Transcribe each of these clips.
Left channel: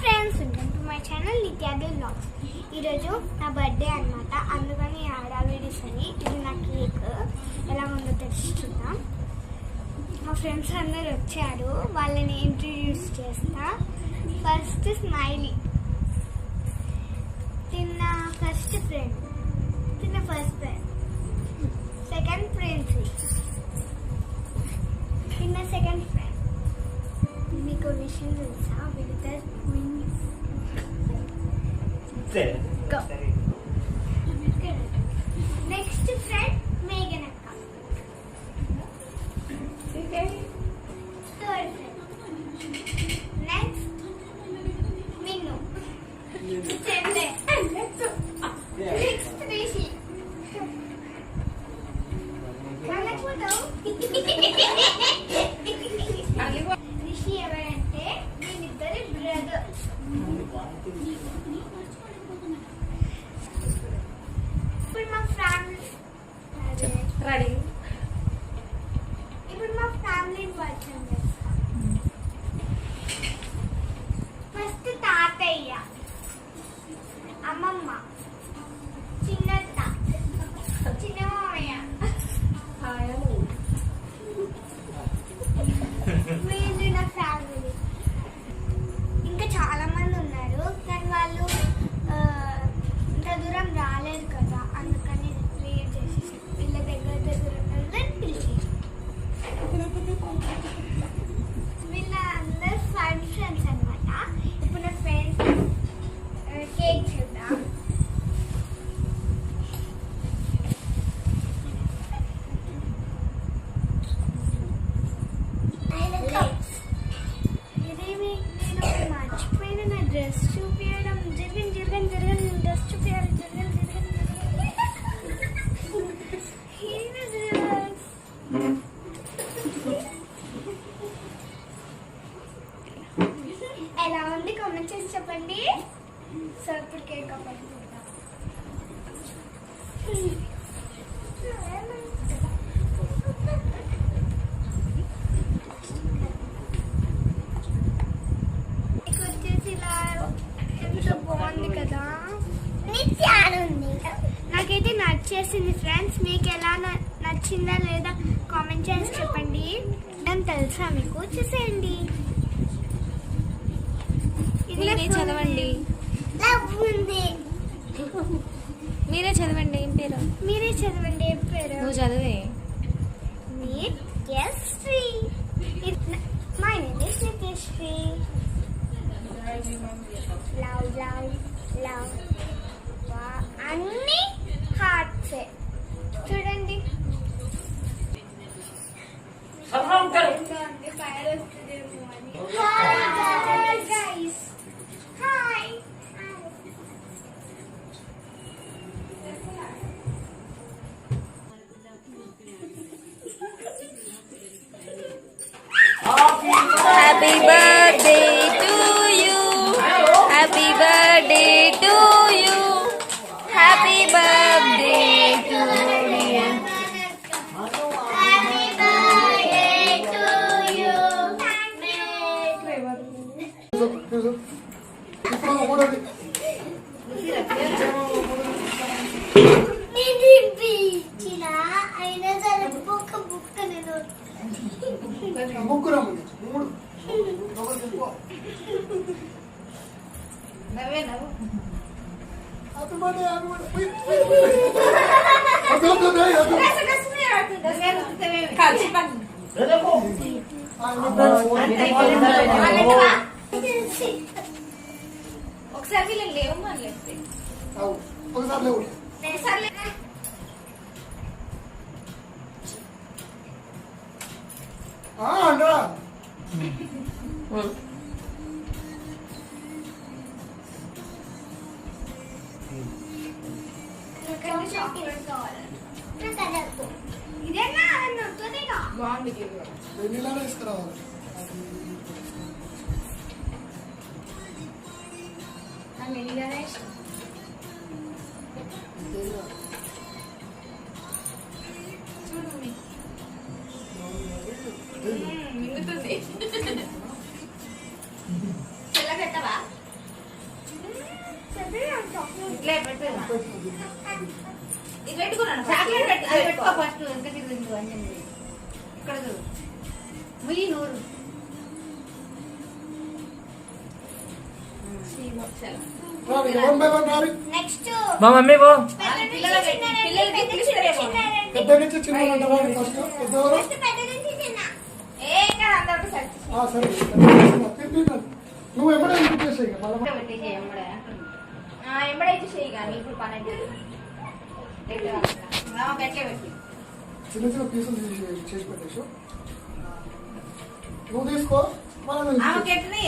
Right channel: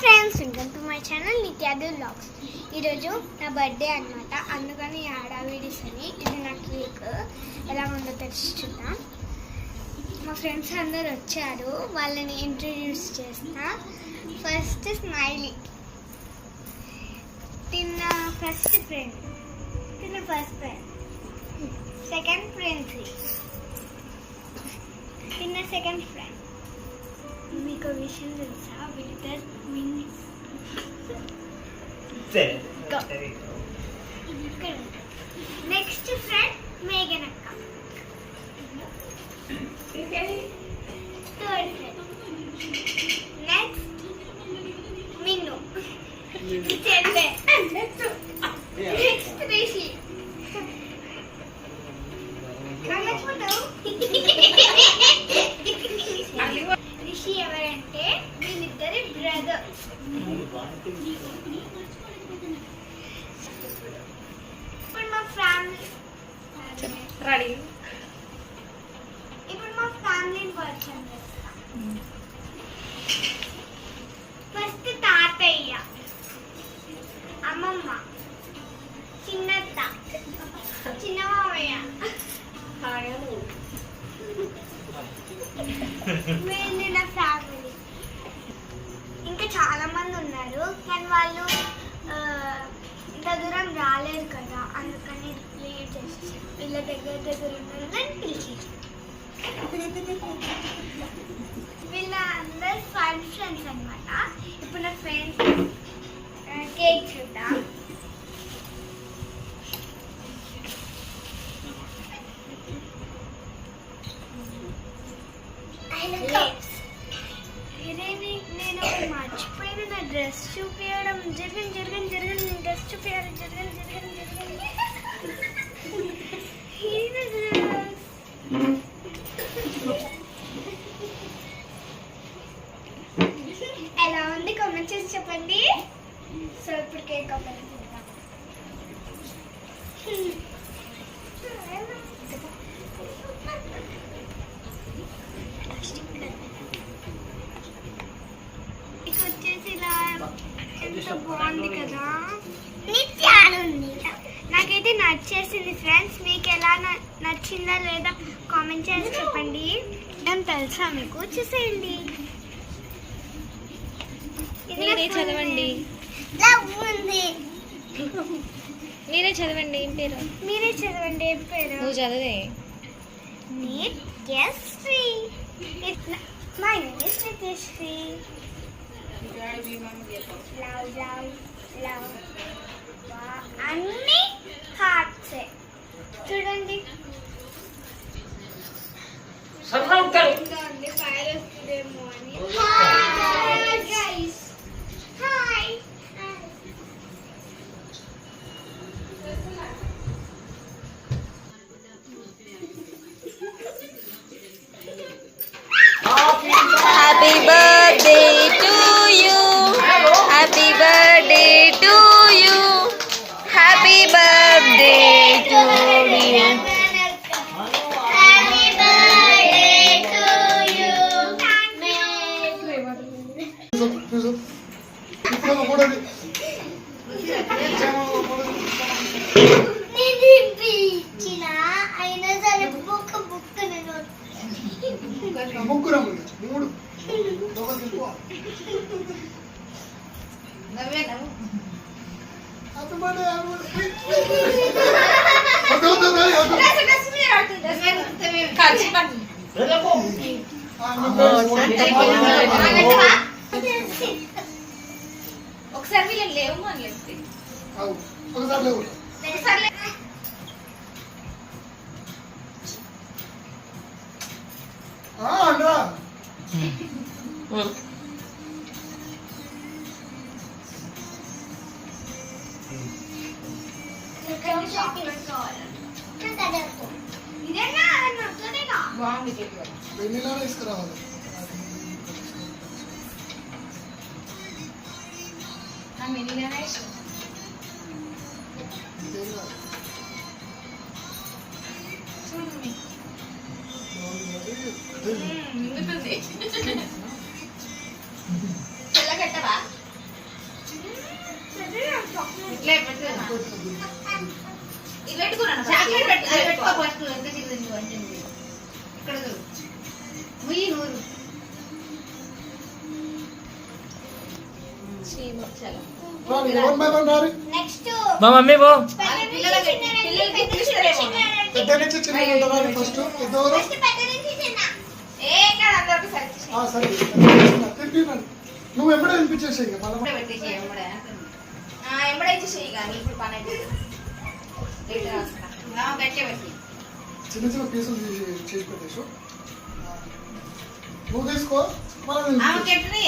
Friends, welcome to my channel నిత్యాదు vlogs. ఈరోజు నా బర్త్డే అనమాట, అందుకని హడావిడిసని ఇది నా కేక్ ఎలా ఉందో తెలుసుకుందాం. మా ఫ్రెండ్స్ అందరు వచ్చారు, వాళ్ళని ఇంట్రడ్యూస్ చేస్తా. ఫస్ట్ స్మైలీ, తిన్న ఫస్ట్ ఫ్రెండ్. సెకండ్ ప్రిన్సీ, తిన్న సెకండ్ ఫ్రెండ్. మీకు విషయం తెలుసా, వీళ్ళిద్దరు ట్విన్స్. నెక్స్ట్ ఫ్రెండ్ మేఘన్ అక్క. థర్డ్ ఫ్రెండ్ నెక్స్ట్ మిన్ను. నెక్స్ట్ రిషి. రిషి ఎవరంటే వీళ్ళిద్దరి బ్రదర్స్. ఇప్పుడు మా ఫ్యామిలీ రెడీ. ఇప్పుడు మా ఫ్యామిలీని పరిచయం చేస్తాం. ఫస్ట్ తాతయ్య, అమ్మమ్మ, చిన్నత్త, చిన్న మామయ్య. వీళ్ళు నా ఫ్యామిలీ. ఇంకా చాలా మంది ఉన్నారు, కానీ వాళ్ళు ఇంత దూరం రాలేదు కదా, అందుకని లేట్ చేసేసి వీళ్ళ దగ్గర ఉంటుందని పిలిచేసి. వీళ్ళ అందరు ఫ్రెండ్స్ అనమాట. ఇప్పుడు నా ఫ్రెండ్స్ కేక్ చూద్దాం. నేను మర్చిపోయిన నా డ్రెస్ చూపించడం. జరగని డ్రెస్ చూపించాలి. ఎలా ఉంది కామెంట్ చేసి చెప్పండి. సో ఇప్పుడు కేక్ ఓపెన్ చేద్దాం. బాగుంది కదా, నాకైతే నచ్చేసింది ఫ్రెండ్స్. మీకు ఎలా నచ్చిందా లేదా కామెంట్ చేసి చెప్పండి. ఏం తెలుసా మీకు, చూసేయండి. మీరే చదవండి. మీరే చదవండి. ఏం పేరు? మీరే చదవండి. ఏం పేరు? నువ్వు చదివే. Nithyasree. My name is Nithyasree. Love అన్ని హార్ట్స్ చూడండి. ఫైర్ వస్తుందేమో అని. Hi. Happy birthday to you. Happy birthday to you. Happy birthday to you. అయినా సరే బుక్క నేను ఒకసారి వీళ్ళని లేవు అని చెప్తే తెల్లగట్టవా? ఇట్లే పెట్టు. ఇది పెట్టుకున్నాను. చాక్లెట్ పెట్టుకో ఫస్ట్. ఎంత కింద అన్నీ ఇక్కడ చూడు. ముయ్యి నూరు. నెక్స్ట్ మా మమ్మీ పో పెద్ద నుంచి చిన్న ఉంటారు ఫస్ట్ పెద్దవారు ఏ ఇక్కడ అందరికి సరి సరే తిరిగి నువ్వు ఎప్పుడే చేసేయి మళ్ళీ పెట్టేసి ఎంబడే ఇచ్చేసేయి కానీ ఇప్పుడు 12 గట్టిగా పెట్టి చిన్న చిన్న పీసులు చేసి పెట్టేసు నువ్వు తీసుకో మళ్ళీ ఆమెకి ఎట్లని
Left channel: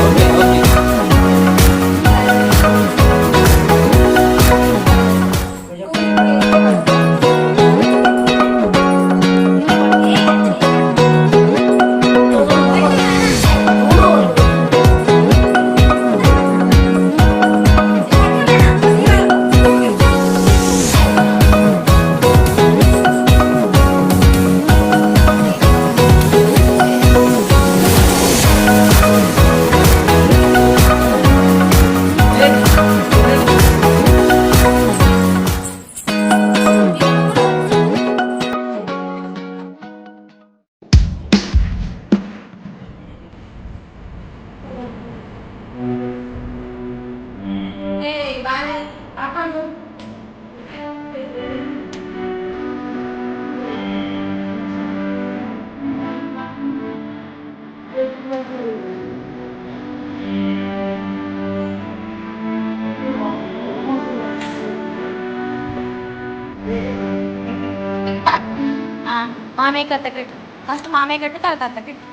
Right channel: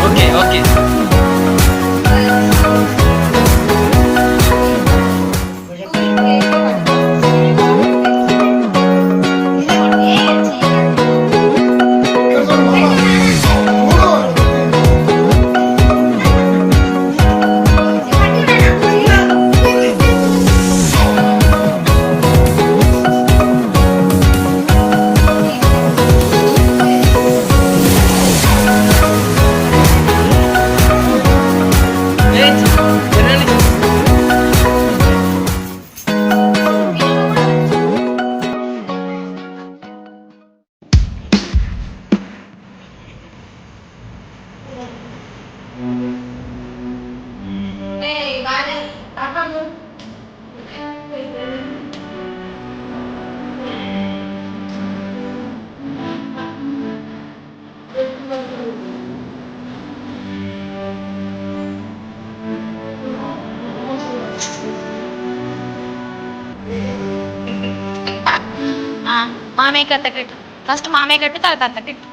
ఓకే ఓకే మామయ్య కట్ట కట్టు ఫస్ట్ మామయ్య కట్టు తర్వాత అత్త కట్టు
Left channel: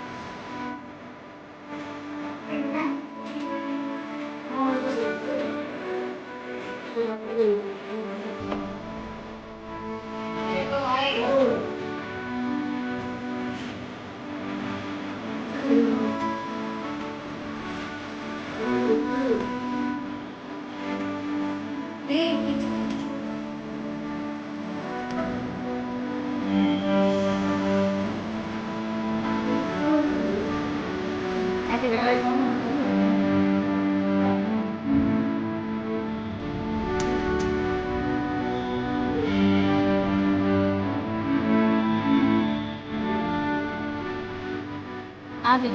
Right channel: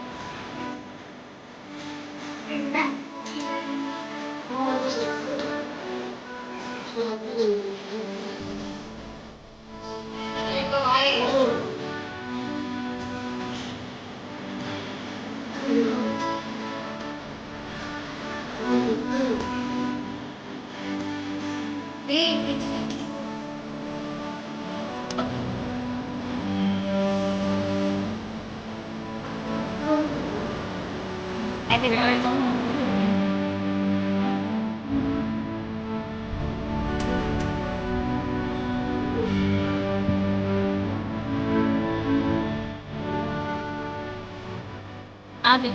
అదే